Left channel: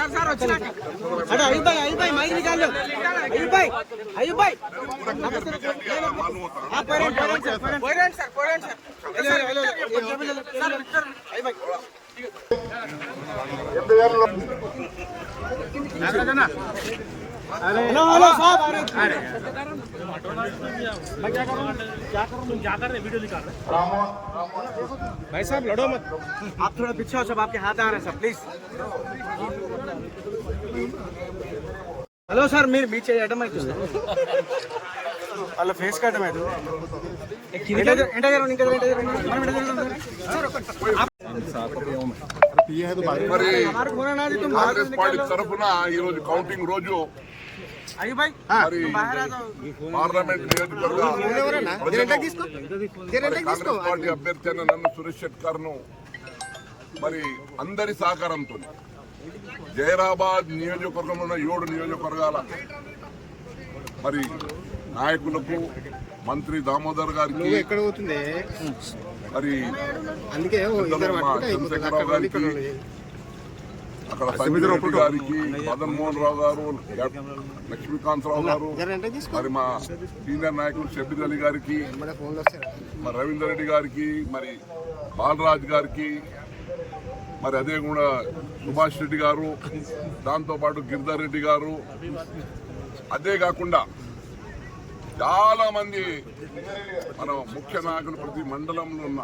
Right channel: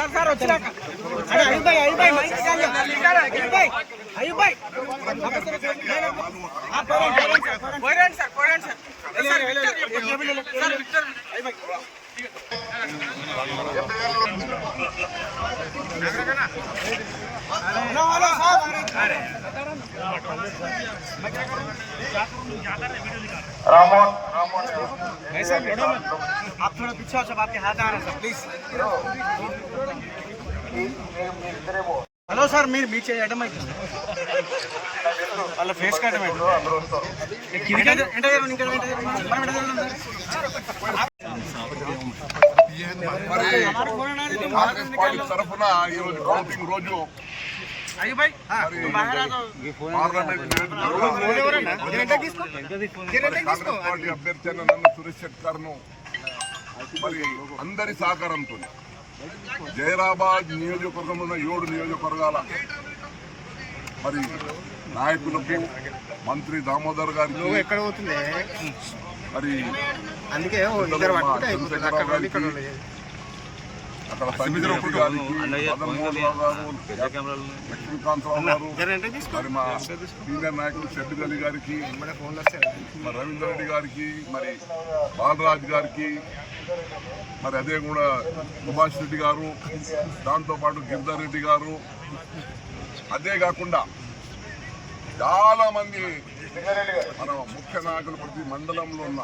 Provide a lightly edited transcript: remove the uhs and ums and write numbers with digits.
Sir अरे अयुब भाई mic निकाल लो अयुब भाई हाँ पेरेंट सर एक टेबल ले अयुब भाई हेलो साहब भाई साहब लड़ो मत, आप थोड़ा पीछे हो, सब आपके हाथ आ रहे हैं सब, प्लीज। హలో సార్ మీరు బీచ్ అడ్డమైతుంది అలా ఫేస్ కట్టమైంది మరి కాంగ్రెస్ పార్టీ తరఫున ఈరోజు కౌంటింగ్ రోజు మరి పార్లమెంట్ కాంగ్రెస్ పార్టీ అభ్యర్థి అయిన నన్ను సురేష్ శెట్కర్ ను మరి అందరి సహకారంతో జైరాబాద్ నియోజకవర్గంలో ఉన్న 7 నియోజకవర్గాల మరి నాయకులకు మంత్రి దామోదర్ గారికి మరి అక్కడ సంజయ్ గారికి మదన్మోహన్ రావు గారు లక్ష్మీకాంతరావు గారు మరి మా సీనియర్ నాయకులు షబ్బీర్ అలీ గారికి మరి రవీందర్ రెడ్డి గారికి మరి బాలరాజ్ గారికి మరి అదే కూడా సుభాష్ రెడ్డి గారు దాంతోపాటు గిరిధర్ రెడ్డి గారు అదే కాకుండా చాలా మంది మన ముఖ్య నాయకులు ప్రతి మండలంలో ఉన్న